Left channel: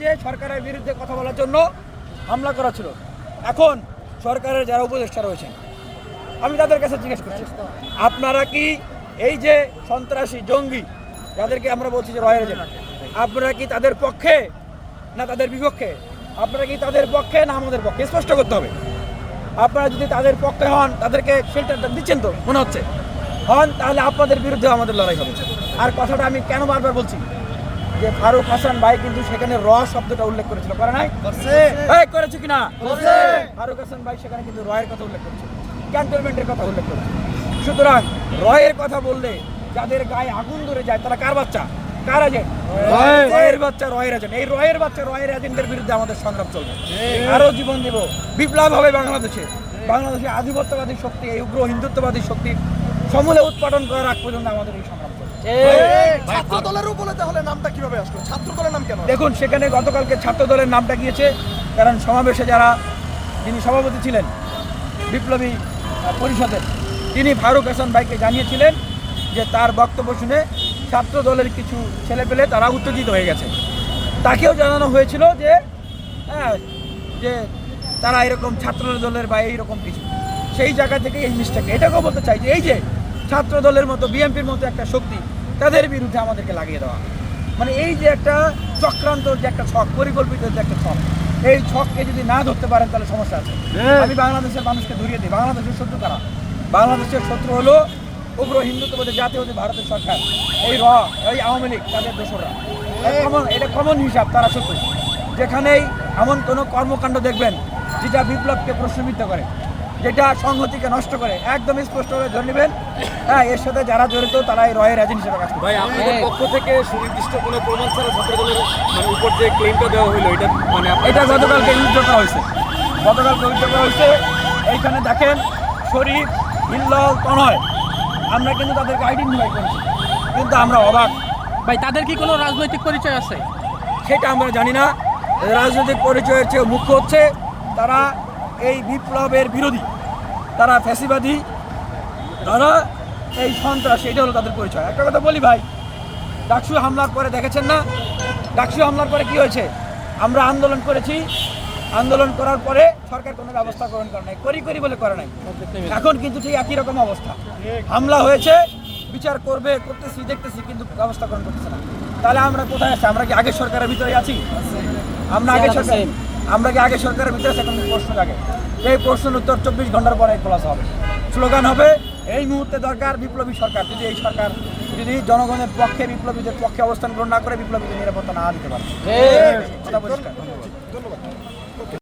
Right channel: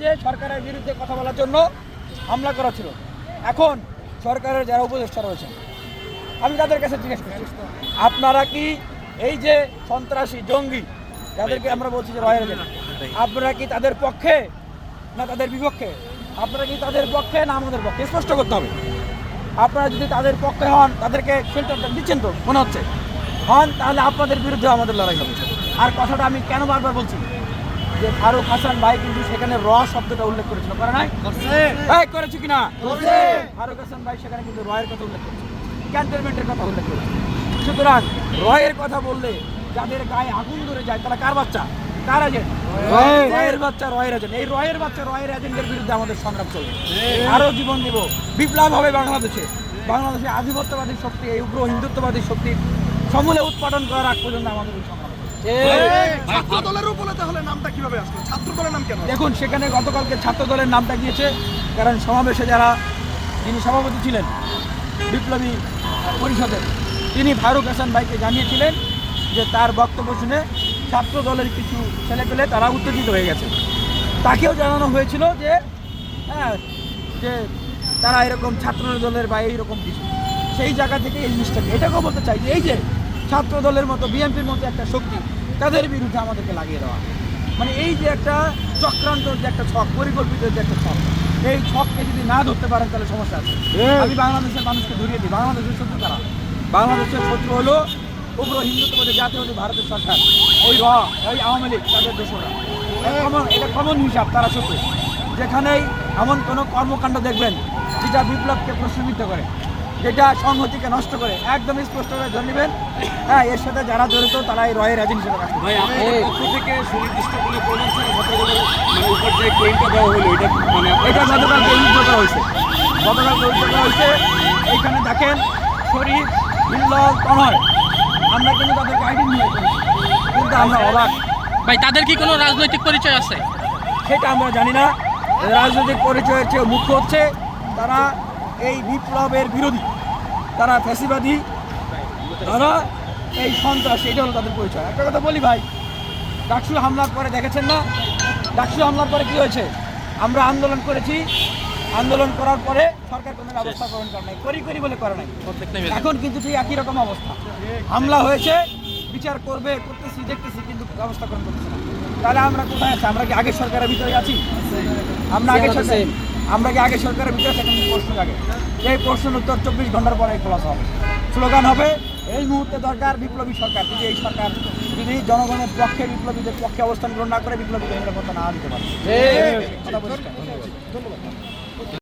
যে সরকারের বিরুদ্ধে কথা বলার জন্য হামলা করা ছিল। এখন সরকারের যারা উপদেষ্টা রয়েছেন, আমি তাদের কাছে জিজ্ঞেস করছি, আপনারা কি এই যে সন্ত্রাসী জঙ্গি যাদেরকে আমরা বলছি যে রয়ের এজেন্ট, আপনারা কি তাদের পক্ষে না তাদের বিপক্ষে? আপনারা কি তাদের পক্ষে না আমাদের পক্ষে? স্পষ্ট করতে হবে। আপনারা যদি তাদের পক্ষে হন, তাদেরকে শেল্টারটা দিচ্ছেন তো মনে হচ্ছে হন, তাহলে আপনাদের বিরুদ্ধে আমাদের লড়াই হবে। আর কথাটা আমি কেন বারবার বলছি যে ফারুক হাসান ভাই কিন্তু সেখানে র শব্দটা উল্লেখ করেছিল, করে নাই? করেছে কিনা? ফারুক হাসান ভাই সেখানে কিন্তু রয়ের কথা উল্লেখ করেছে, ক্যান্টনমেন্টের কথা উল্লেখ করেছে। সুতরাং রয়ের কথা বললে যাদের গায়ে আগুন ধরে যায় তারা কার বাচ্চা, কার এজেন্ট? রয়ের বাচ্চা, রয়ের এজেন্ট। এই রয়ের বাচ্চা, রয়ের এজেন্টের বিরুদ্ধে আমাদের সংগ্রাম চলবে। আরো জীবন দেব, বিপ্লব হবে বাংলাদেশে। বাংলাদেশে আধিপত্যবাদী শক্তি, এই উগ্র হিন্দুত্ববাদী শক্তি সমূলে উৎপাদন করার আগ পর্যন্ত আমাদের এই সংগ্রাম চলবে। দেখুন, সেখানে গতকালকে ছাত্র দলের নামটা গিয়েছে, কারণ সমাবেশে যিনি সভাপতি ছিলেন বিপ্লবী পরিষদের, তিনি ফারুক হাসান ভাইকে জানিয়েছিলেন যে তার বক্তব্য শুনে ছাত্র দলের কিছু ছেলেপেলে তারা উত্তেজিত হয়ে গেছে। তাকেও জানানো হয়েছিল যে যে তারা এরকম ছাত্র দলের বা এইরকম কিছু, সেই জায়গা থেকে এই জিনিসটাকে এটাকেও বলতে চাই যে এই যে ছাত্র দলের মতো বিএনপির মতো একটা শক্তি, তাদের বিরুদ্ধে আমাদেরকে লাগিয়ে দেওয়া, মানে এই যে একটা চক্রান্ত, যে একটা ছক, পরিকল্পিত যে একটা ছক, এই ছককে যদি না ধরতে পারেন তাহলে সমস্যা আছে। আমি বাংলাদেশের মানুষকে ধরিয়ে দিই, বাংলাদেশের শত্রু কারা? বাংলাদেশের শত্রু হলো উগ্র হিন্দুত্ববাদী জাতীয়বাদী ভারতের সরকার, এই আওয়ামী লীগ, তাদের দোষরা। এটা কমন হিসাব, তারা শত্রু। যেখানেই এমন কোনো কর্মকাণ্ড দেখবেন যেটা বিপ্লবকে প্রশ্নবিদ্ধ করে, যেটা সংহতিকে নষ্ট করে, একদম স্পষ্টভাবে ধরে নেবেন এর সাথে যারা জড়িত তারা এই রয়ের এজেন্ট হিসেবে কাজ করে। থেকে সুনির্দিষ্ট কোনো উপর যে ক্লেমটা দেওয়া হলো, এটা গতকালকে উদ্যোগ করা হয়েছে, গতকালকে উদ্যোগ করা হয়েছে। এইখানে দেখেন শরীফ, হিল্লল, তনয়, আমরা কিন্তু তাদেরকে আইডেন্টিফাই করেছি, কিন্তু আমরা অবাক ভাই, তাদের কি কোনো রাজনৈতিক পরিচয় আছে? সেটা আমরা জানি না। রাজনৈতিক পরিচয়ের চেয়ে মুখ্য হচ্ছে তারা এই বিপ্লবের বিরোধী, তারা ফ্যাসিবাদী, তারা এই সন্ত্রাস, এটা হলো তাদের পরিচয়। একটা কথা বলি ভাই, ডাকসু হামলার পরে দেখেছেন না, ডাকসু হামলার পরে কি হয়েছে? আমরা আন্দোলন করেছি, আন্দোলন করার পরে সরকার কোনো ব্যবস্থা গ্রহণ করে নাই, করি বলে করে নাই। এখন কিন্তু ঠিক একই রকম অবস্থা, হামলা হয়েছে, বিচার করতেছি, দেখতেছি, কিন্তু ব্যবস্থা গ্রহণ করতেছে না। তাহলে আমরা কোথায় আছি? আমরা কি আগের সরকারের ভিতরে আছি? আমরা কি আগের সরকারের ভিতরে আছি? এখন প্রশ্ন লাগে, এই প্রশ্নের উত্তর 24 ঘন্টার পরে খোলাসা হবে, স্লোগান হবে এই মুহূর্তে দরকার বিপ্লবী সরকার। যদি এই সরকার যদি জনগণের পক্ষে, বিপ্লবীদের পক্ষে অবস্থান গ্রহণ না করে, বিপ্লবীদের নিরাপত্তা না দিতে পারে।